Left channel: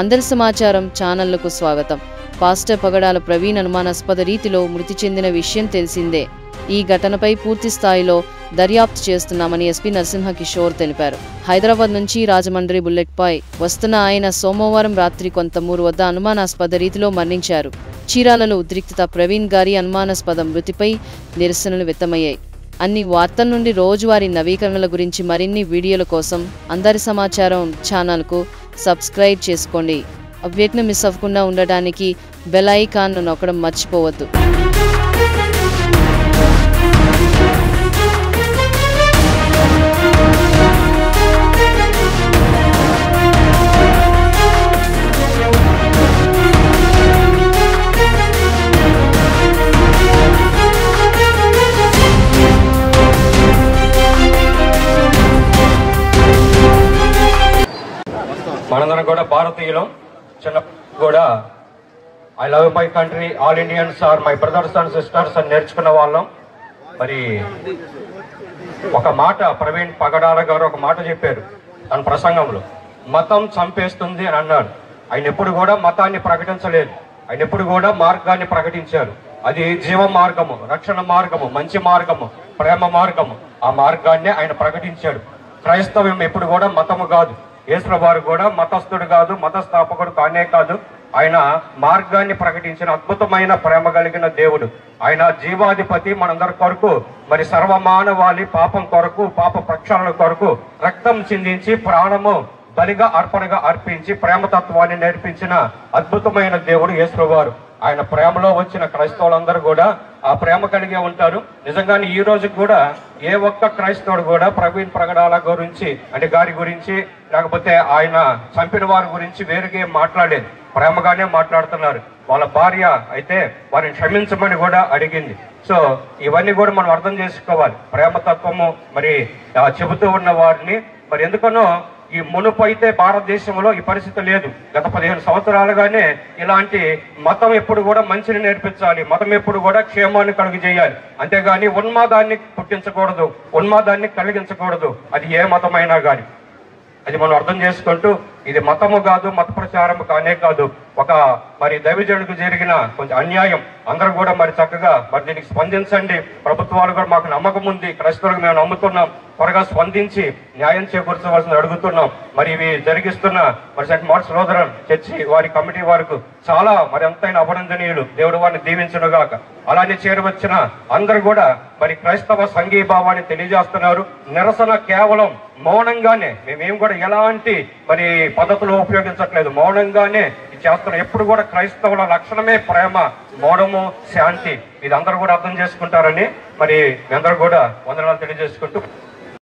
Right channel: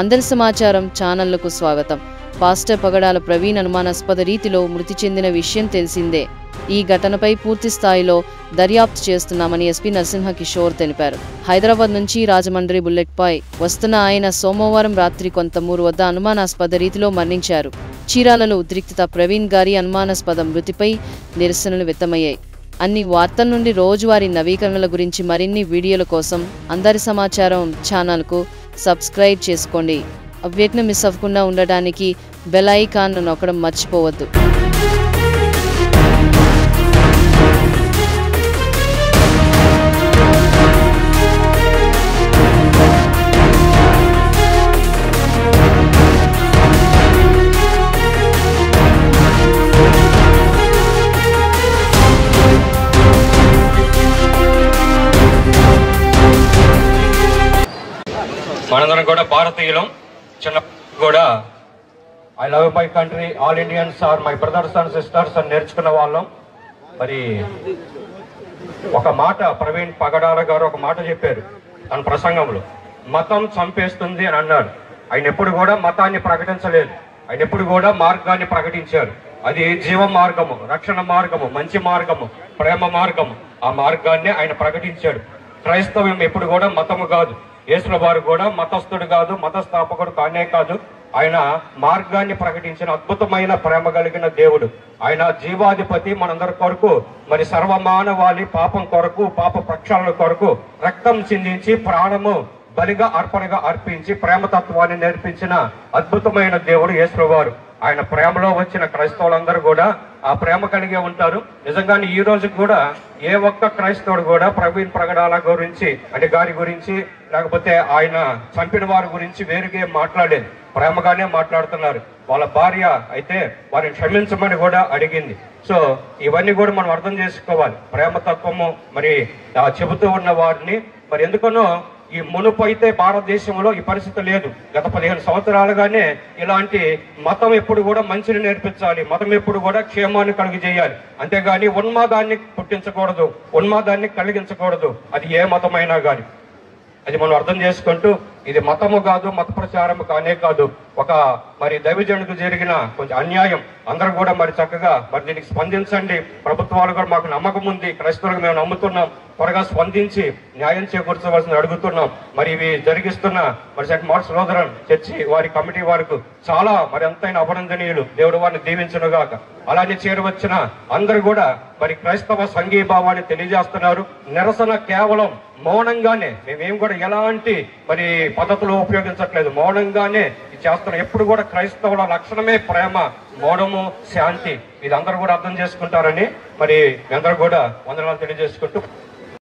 అందరి సమాచారం ఛానళ్లకు స్వాగతం. పాస్టర్ పగడాల ప్రవీణ్ అనుమానాస్పద రీతిలో మృతి చెందిన విషయం తెలిసిందే. ఈ ఘటనపై పూర్తి స్థాయిలో దర్యాప్తు చేస్తున్నామని ఎస్పీ నరసింహ కిషోర్ తెలిపారు. హైదరాబాద్ నుంచి రాజమండ్రి బుల్లెట్పై వస్తున్న ఆయన సోమవారం రాత్రి కొంతమూరు వద్ద అనుమానాస్పద రీతిలో మరణించారు. చీరాలలో ఉద్రిక్తత. ప్రవీణ్ గారి అనుమానాస్పద మృతిపై నిరసనలు వ్యక్తమయ్యాయి. అన్ని వార్తల నుండి రోజువారీ నవీకరణల గురించి మరిన్ని వీడియోల కోసం అందరి సమాచారం ఛానల్కు సబ్స్క్రైబ్ చేసుకోండి. అప్డేట్ను మిస్ అవ్వకుండా ఉండడానికి బెల్ ఐకాన్ను నొక్కడం మర్చిపోవద్దు. మనందరం కూడా భారతీయులం. చిన్న కూడా I love my country, all Indians are my brothers and sisters అని నేర్చుకున్న వాళ్ళం. మరి ఒక మాట ప్రవీణ్ పగడాల గారు ఒక మాట చెప్పారు తన ప్రసంగంలో, మతం చంపేస్తుంది అని అన్నారు. ఆయన ఎప్పుడు కూడా మతాన్ని ప్రకటించలేదు. ఆయన ఎప్పుడు కూడా మార్గాన్ని ప్రకటించారు. అది జీవ మార్గము, రక్షణ మార్గము, మంచి మార్గము, ప్రేమ మార్గము. ఆ మార్గాన్ని ఆయన ప్రకటించాడు. క్రైస్తవం ఎప్పుడు కూడా మతము కాదు. యేసు వారు కూడా మతస్థుడు కాదు, మతస్థాపకుడు కానే కాదు. ఆయన మార్గాన్ని ప్రకటించిన అద్భుతమైన ప్రేమ కలిగిన దేవుడు. ఆయన జీవాధిపతి. మనందరి కొరకు, మరి సర్వమానవాళి పాపం కొరకు, పాప ప్రక్షాళన కొరకు రక్తం చిందించి ప్రాణము బలిగా అర్పణగా అర్పించి ప్రేమతత్వాన్ని నేర్పించిన అద్భుతమైన దేవుడు యేసు వారు. ఆయన ప్రేమలో వచ్చిన క్రైస్తవులందరూ కూడా ఆ ప్రేమ కలిగే ఉంటారు. నిజంగానే ఈ రోజు కూడా ఏ ఒక్క క్రైస్తవుడు కూడా ప్రవీణ్ పగడాల గురించి అంటే గారి గురించి లేకపోతే ఆయన చంపిన వారి గురించి వేరుగా మాట్లాడలేదు. ప్రేమగానే మాట్లాడుతున్నారు. వాళ్ళ భార్య అయితే వారిని క్షమించమని కూడా అడిగింది. సో ఇవన్నీ కూడా మనం అర్థం చేసుకోవాలి. ప్రేమతత్వము మరి చెబుతూ ఉన్న వారిని మరి ఎందుకనో ఈ మునుపు అయితే భారతదేశంలో ఈ పరిస్థితి లేదు. గత 15 సంవత్సరాలుగానే ఇలాంటి మతం ఎప్పుడు కూడా మంచిని నేర్పించాలి, మతం ఎప్పుడు కూడా క్షేమాన్ని కలుగు చేయాలి, అంతేగాని ఉన్మాదాన్ని పుట్టించకూడదు, ఉన్మాదాన్ని కలిగించకూడదు. అది ఏ మతమైనా కానీ అది మనం అర్థం చేసుకుంటూ ఇది మతము కాదు, మత ప్రచారం కానే కాదు, ఒక మరి దైవజనుడికి జరిగిన కొంచెం అన్యాయం. అందరూ కూడా మరి చక్కగా మరి దీనికి స్పందించండి. ప్రభుత్వాలు కూడా మాకు నమ్మకం ఉంది, క్రైస్తవులకు మేము నమ్ముతున్నాం, త్వరగా స్పందించి న్యాయం చేకూర్చవలసింది అడుగుతున్నాం. మరి ఇవి జరిగిస్తున్న మరి సెంట్ మార్క్స్ లూథరన్ చర్చి వారి కమిటీ వారికి చాలా మరి ఎంతైనా అభినందనీయులు. దేవుడు వారిని దీవించునుగాక. అలానే చేరవచ్చిన అందరూ కూడా మరి క్రైస్తవ సంఘీభావాన్ని తెలియజేస్తున్నారు. నిరసన కేవలం మౌనంగానే, మేమేం కూడా ఎలాంటి మరి పద్ధతులు ఉపయోగించట్లేదు, మౌనంగానే చేస్తున్నాం. ఎప్పుడు కూడా క్రైస్తవుల లక్షణమే ప్రేమ, మౌనము, శాంతి. ఇది అందరూ కూడా అర్థం చేసుకుంటారని మరి అందరూ కూడా వందనాలు తెలియజేసుకుంటూ